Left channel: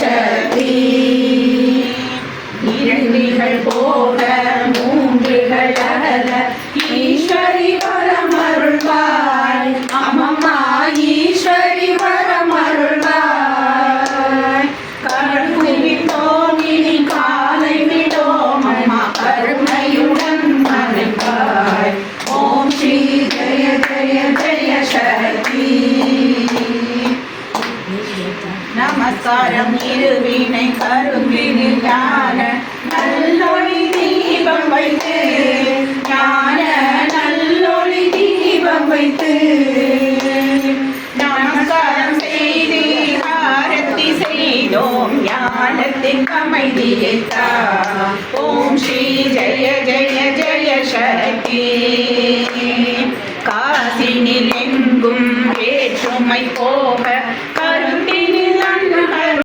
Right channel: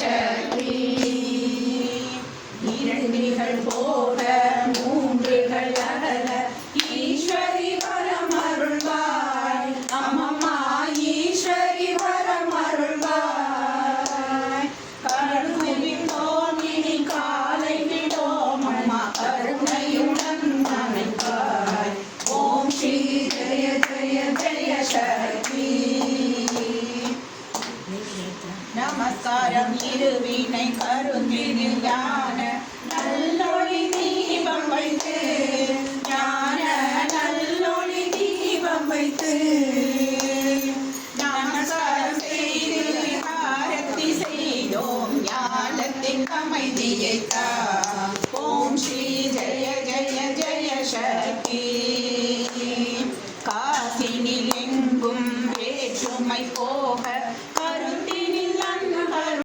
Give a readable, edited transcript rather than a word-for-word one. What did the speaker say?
சக்தி. இரண்டிகள் போக மூன்றுகள் அகல ஈஸ்வரி வரமருள்வாய். அம்மம்மா ஈஸ்வரி வரமருள்வாய். கருணை விட்டோம் இனி காலை விடோம் அம்மா கருணையுடன் மறைப்பாய். ஓம் ஸ்ரீ ஜெய ஜெய ஜெய சக்தி. நமஸ்காரம் இருவினை கரும்பினி ஞான நல்லொளி தீபம் வைத்து. ஞான நல்லொளி தீபம் வைத்து நமஸ்காரம் செய்து ஆரத்தி செய்தோம் ஞானத்தின் அமைதியை தா. ஓம் ஸ்ரீ ஜெய ஜெய ஜெய சக்தி.